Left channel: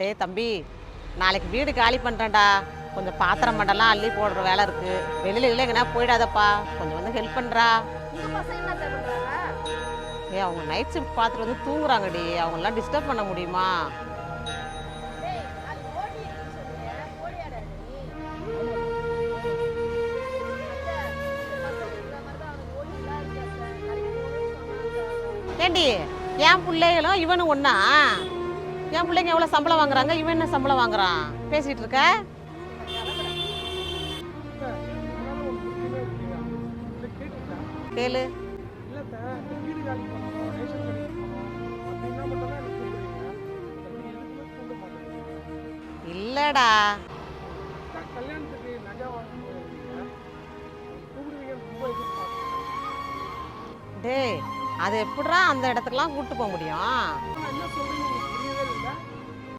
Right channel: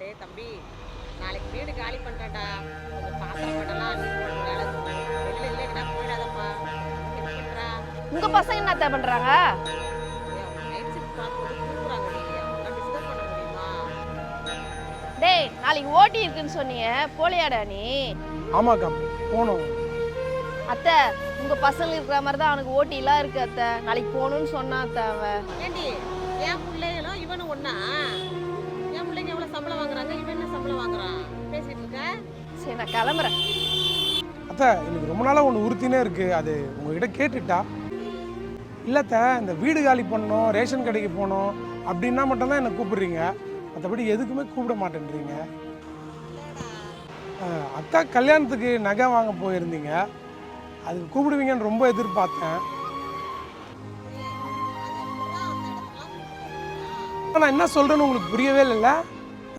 டேய் தம்பி, நாளைக்கு வீடு காலி பண்ணுறேன்டா. கொஞ்சம் பாத்திரம் மட்டெல்லாம் அள்ளி போடுற வேலை இருக்கு. வெளியில இல்லை எங்கன்னா போயிடாதப்பா, கொஞ்சம் வந்து ஹெல்ப் பண்ணுறா. உங்க பசங்க என்ன பண்றாங்க? டேய் அவங்க நைட் ஷிஃப்ட் பார்த்துட்டு வந்து தூங்குறாங்கடி, அவங்களாம் டிஸ்டர்ப் பண்ண முடியுமா? டேய் நாளைக்கு ஓட்டி இருக்குன்னு சொன்னீங்க, போலியாடா நீ? ஆமாக்கா போகணும். அத்தை, உங்க பசங்க இருக்கிற மாதிரி தான் அவனுக்கு ஓட்டிலாம் இருக்கு அத்தை. நாளைக்கு போகணும்னு சொன்னா அத்தை அவன். ஏண்டி என் பிள்ளைகளும் இவனும் ஒண்ணா? என் பிள்ளைங்க எவ்வளோ சம்பளம் வாங்குறாங்க, இவன் என்ன சம்பளம் வாங்குறான்? பேசிட்டு இருக்க? சரி நான் கிளம்புறேன். அத்தை எனக்கு ரொம்ப நாளாக ஒன்று உறுத்தினே இருக்குது, அது உங்ககிட்ட கேட்டுட்டா? கேளு. இல்லைத்த, இந்த வீடு காலி பண்ணணும், ரேஷன் கடைக்கு போகணும் அப்படின்னா மட்டும்தான் என்னை கூப்பிடுறீங்க, மற்றபடி எதுக்குமே கூப்பிட மாட்டேன்றீங்க. இல்லடா, அத்தா கல்யாணத்துக்கு நகை வாங்க போயிருந்தீங்க, அதுக்கு கூப்பிடுவீங்கன்னு ரொம்ப எதிர்பார்த்தேன். டேய் அது எப்படிடா அந்த இடத்துக்குலாம் கூப்பிட்டு போக முடியும்? நான் என்ன சொல்கிறேன்னு உங்களுக்கு புரியவே இல்லைல்ல?